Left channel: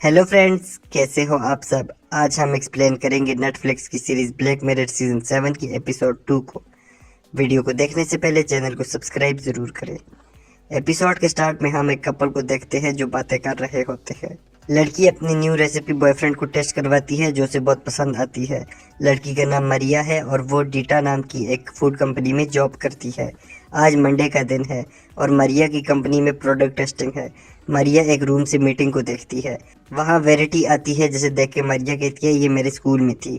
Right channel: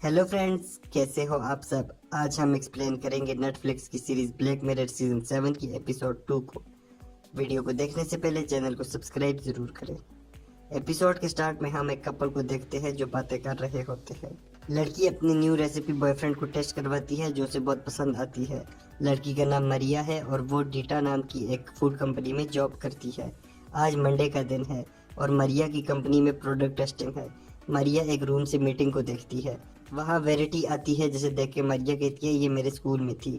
Hello friends, कैसे हो आप सब। आज हम एक्सप्लेन करेंगे नेटफ्लिक्स की सीरीज ब्लैक मिरर सीजन 7 की एपिसोड 2 को। वीडियो को देखने से पहले चैनल को सब्सक्राइब जरूर करें। एपिसोड के स्टार्ट में हम एक कपल को देखते हैं जो बातें कर रहे होते हैं। लड़की अपनी न्यू रेसिपी बॉयफ्रेंड को टेस्ट करवाती है जो उसे बहुत पसंद आती है। लड़की का नाम मरिया है और वो डीटा नाम की एक फूड कंपनी में जॉब करती है। आज मंडे का दिन है और मरिया की कंपनी में प्रोडक्ट टेस्टिंग है। मरिया एक रूम से मीटिंग को देखती है। वहाँ वेरिटी आती है जिसे देख के मरिया कहती है ये मेरे स्कूल में थी।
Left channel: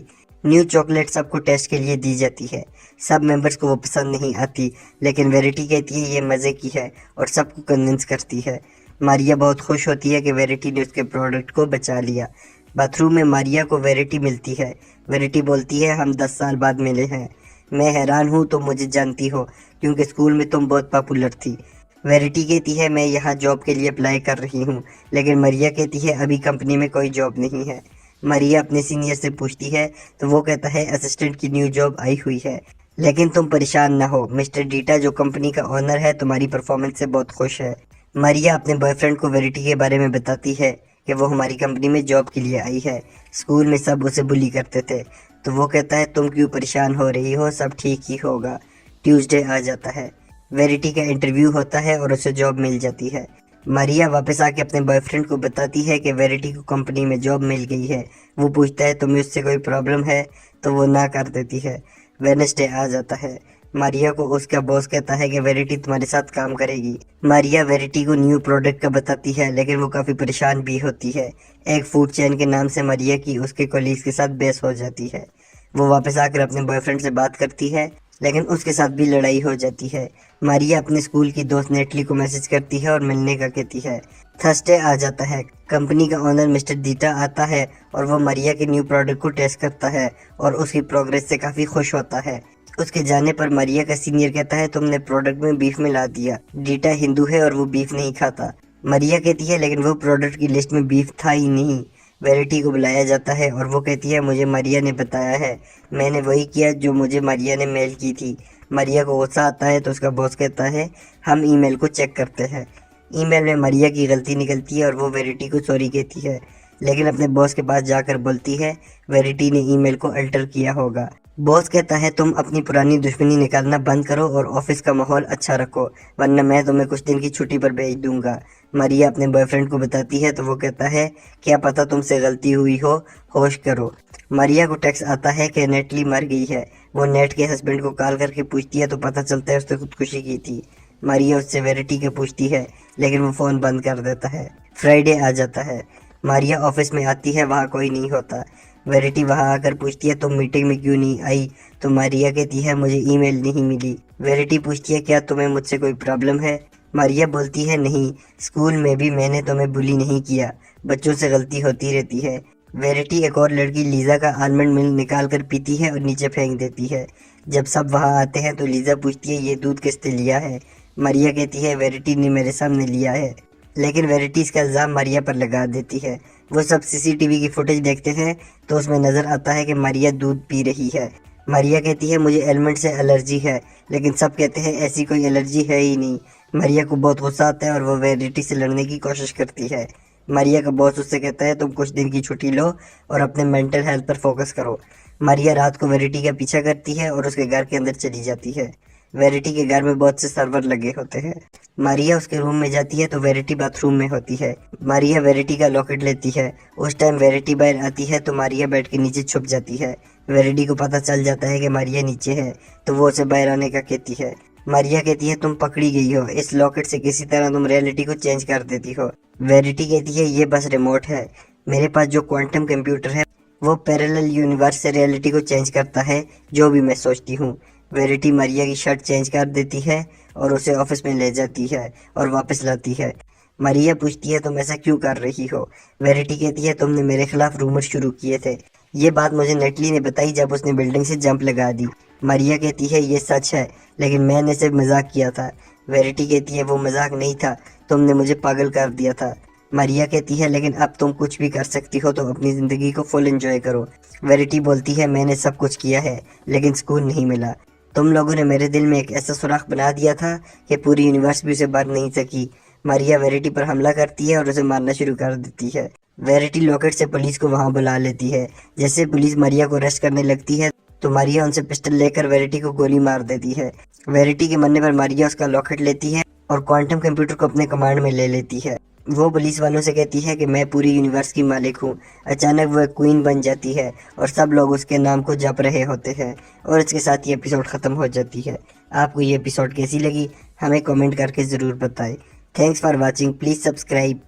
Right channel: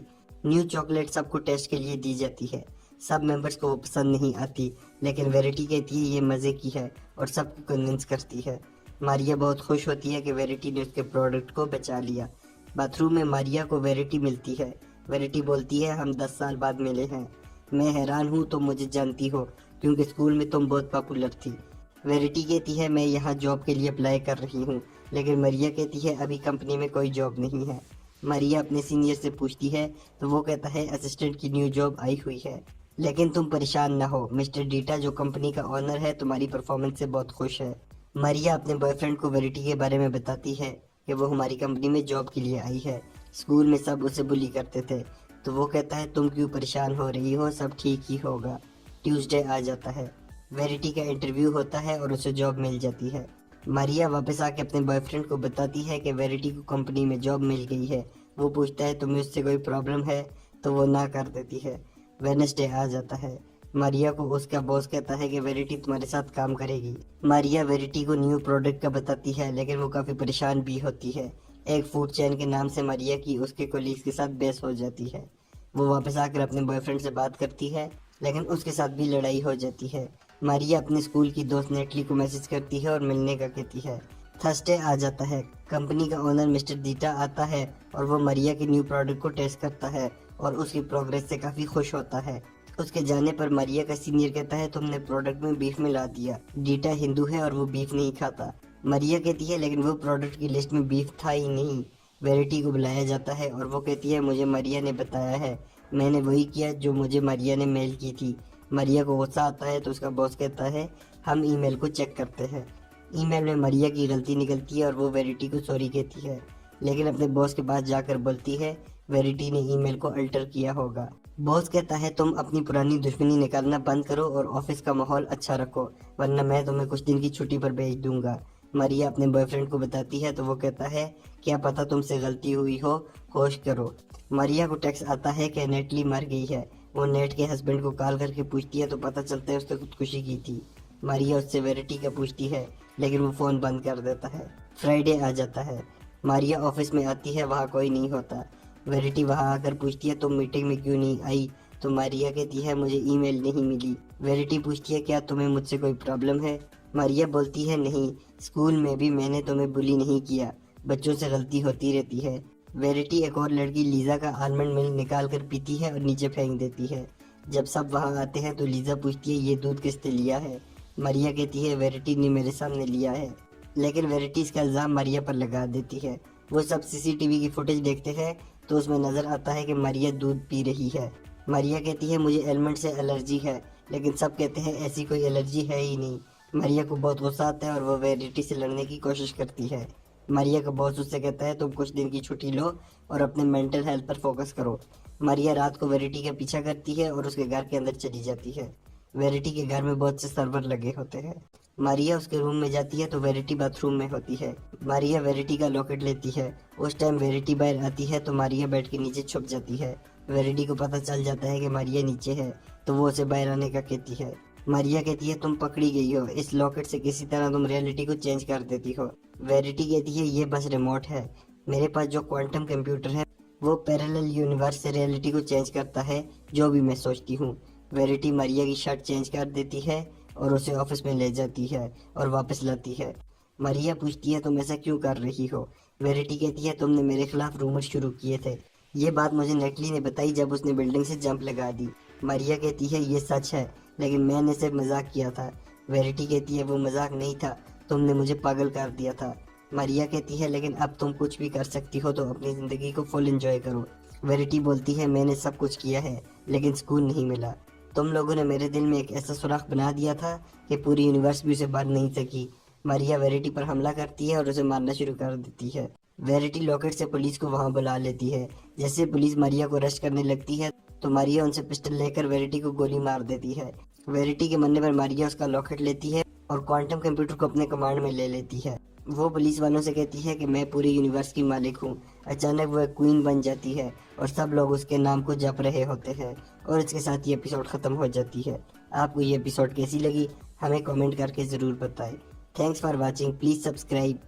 न्यू चॉकलेट सबको टेस्ट के लिए दी जाती है। सब मेंबर्स को वो पसंद नहीं आती, लेकिन वेरिटी कहती है ये मज़े की है और सबको कन्विंस करती है। मारिया बहुत खुश होती है कि वेरिटी ने उसके प्रोडक्ट को बचा लिया। बाथरूम में मारिया को वेरिटी मिलती है। वेरिटी बोलती है हम 10 साल बाद मिले हैं। मैं हैरान हूँ तुम मुझे जानती हो, क्योंकि स्कूल में तुम बहुत पॉपुलर थी। वेरिटी कहती है मैं यहाँ जॉब के लिए अप्लाई कर रही हूँ, लेकिन मरिया कहती है अभी कंपनी में कोई जॉब नहीं है। मरिया अपने सीनियर से पूछती है तो वो कहता है असिस्टेंट की न्यू जॉब आई हुई है। लेकिन तुम परेशान ना हो, मिस्टर डीटा जो कंपनी का ओनर है तुम्हारी परफॉर्मेंस से बहुत खुश है। मरिया अपने बॉयफ्रेंड को वेरिटी के बारे में बताती है कि वो हमारी कंपनी में जॉब के लिए आई है। स्कूल में सब उसे बुली करते थे। तो वो कहता है तुम क्यों परेशान हो रही हो, सब ठीक ही होगा। ट्यूसडे आ जाता है। वेरिटी का इंटरव्यू होता है और उसे जॉब मिल जाती है। मरिया वापस आके अपने बॉयफ्रेंड को बताती है कि वेरिटी को कंपनी में जॉब मिल गई है। वो पूछता है तुम्हें उससे कोई प्रॉब्लम है, तो वो ना कर देती है। वेडनेसडे आ जाता है। मारिया को उसका बॉस कहता है कि वेरिटी तुम्हारे साथ काम करेगी। मारिया वेरिटी को न्यू प्रोडक्ट का बताती है, लेकिन वो काफ़ी परेशान भी होती है। एक फूड चेन के नाम से मारिया की उसके कोलीग्स के साथ बहस हो जाती है। वो वापस आकर अपने बॉयफ्रेंड से बात करती है, लेकिन उसके साथ भी लड़ाई हो जाती है। मारिया अपने स्कूल की दोस्त नेटली को मैसेज करती है और मिलने का कहती है। थर्सडे आ जाता है। कंपनी का ओनर मिस्टर दीटा आता है और वो मरिया के न्यू प्रोडक्ट को टेस्ट करता है और उसकी प्रोग्रेस से काफ़ी खुश होता है। उसके जाने पर मरिया का सीनियर कहता है तुमने प्रोडक्ट में बीफ मिला दिया। डीटा हिंदू है और वो बीफ नहीं खाता। मरिया कहती है लेकिन वो प्रोडक्ट की लिस्ट में बीफ था ही नहीं। वेरिटी को बुलाया जाता है और वो कहती है मुझे मरिया ने बताया है, मैंने वही किया जो मुझे मरिया ने मेल की थी। मरिया को गुस्सा आता है तो उसका बॉस कहता है हम ईमेल को चेक करते हैं। ईमेल में मरिया की गलती निकलती है और वो वेरिटी को सॉरी कहती है, लेकिन अपने बॉस के पास जाकर बोलती है वेरिटी ने ईमेल को अल्टर किया होगा। बॉस कहता है तुम अपनी पुरानी दुश्मनी निकालना बंद करो और ऑफिस का माहौल अच्छा रखो, वरना मैं तुम्हें कुछ दिन की छुट्टी पर भेज दूंगा। मरिया अपने बॉयफ्रेंड को बताती है तो वो कहता है क्या पता तुमसे गलती हुई हो, होश करो। मरिया को टेक्स्ट आता है कि नेटली मर गई है। वो नेट के हस्बैंड को कॉल करके पूछती है तो पता चलता है उसने खुदकुशी की थी। मरिया उससे वेरिटी के पूछती है, लेकिन वो फ़ोन बंद कर देता है। फ्राइडे आ जाता है। मारिया ऑफिस में आती है, वहाँ कोई नहीं होता। वेरिटी वहाँ आकर पूछती है तुम मीटिंग में क्यों नहीं आई, तो मारिया कहती है मुझे ईमेल नहीं मिली। वेरिटी पूछती है क्या तुम्हें मुझसे कोई प्रॉब्लम है। मारिया बोलती है नहीं, स्कूल में भी मैंने तुम्हें बुली नहीं किया, बच्चों से गलती होती रहती है। वेरिटी एक और लड़की लीजा का आलमंड मिल्क निकाल कर पीती है और नीचे फेंक देती है। जब सब वहाँ आते हैं तो लीजा पूछती है ये दूध किसने लिया है। मारिया कहती है वेरिटी ने मेरे सामने लिया है, लेकिन वेरिटी इसका इल्ज़ाम मारिया पर लगा देती है। वो सब सीसीटीवी की फुटेज देखते हैं तो उसमें नज़र आता है कि मारिया दूध पी रही है। मारिया कहती है मुझे एलमंड से एलर्जी है, लेकिन सब कहते हैं ऐसी कोई एलर्जी है ही नहीं। मारिया को बहुत गुस्सा आता है और वो वेरिटी से लड़ने की कोशिश करती है। मारिया का बॉस उससे कहता है तुम कुछ दिन की छुट्टी लो और अपने मेंटल हेल्थ पर फोकस करो। मारिया रात को वेरिटी का पीछा करती है और उसके घर के अंदर चली जाती है। वेरिटी के घर में बहुत से सर्वर लगे होते हैं। मारिया उसके रूम में जाती है तो वेरिटी बाथरूम में होती है। मारिया वेरिटी का लॉकेट लेती है। उस टाइम वेरिटी बाहर आती है तो मारिया बेड के नीचे छुप जाती है। वेरिटी को पता चल जाता है कि मारिया नीचे है, तो वो उसे बाहर आने का कहती है। मारिया कहती है तुम पकड़ी गई हो, इस लॉकेट से किसी तरह तुम रियलिटी को चेंज कर देती हो। वेरिटी कहती है ये बस रिमोट है, मेरे पास जो क्वांटम कंप्यूटर है वो पैरेलल यूनिवर्स से रियलिटी को चेंज करता है, जो भी मैं सोचती हूँ। वेरिटी मारिया की शर्ट चेंज कर देती है और उसे ऑफिस में ले जाती है और वापस लाती है। मारिया पूछती है तुम ऐसा क्यों कर रही हो। वेरिटी कहती है तुमने मेरे खिलाफ रूमर शुरू किए थे, ये बात मुझे नेटली ने बताई जब उसने बिल्डिंग से जंप लगा दी। मारिया कहती है ये सच है, लेकिन मैंने सिर्फ मजाक किया था। वेरिटी कहती है वो मजाक नहीं था, तुमने मुझे पागल कर दिया था। मारिया कहती है लेकिन अब तुम कुछ भी कर सकती हो तो अपनी ज़िंदगी को फुल एंजॉय करो। वेरिटी बोलती है मैंने सब कुछ किया है, लेकिन सुकून नहीं मिला। तुम लोगों ने मेरे दिल में एक ऐसा सुराख बना दिया था कि पूरी यूनिवर्स भी उसे भर नहीं सकी। मारिया वेरिटी पर हमला करती है और उसे मारना शुरू कर देती है। वेरिटी लॉकेट से पुलिस को वहां बुला लेती है। जैसे पुलिस मारिया को अरेस्ट करने लगती है तो मारिया उनसे पिस्टल लेकर वेरिटी को गोली मार देती है। वेरिटी के मरने पर मारिया उसका लॉकेट लेती है और क्वांटम कंप्यूटर को अपने कमांड में ले लेती है। वो पुलिस वालों से कहती है कि मैं पूरी यूनिवर्स की मालिक हूँ। अचानक वो एक क्वीन बन जाती है और सब लोग उसके नाम को जप रहे होते हैं और इसके साथ ये एपिसोड ख़त्म हो जाती है। आपको ये एपिसोड कैसी लगी हमें कमेंट करके ज़रूर बताएं। Thanks for watching, please subscribe.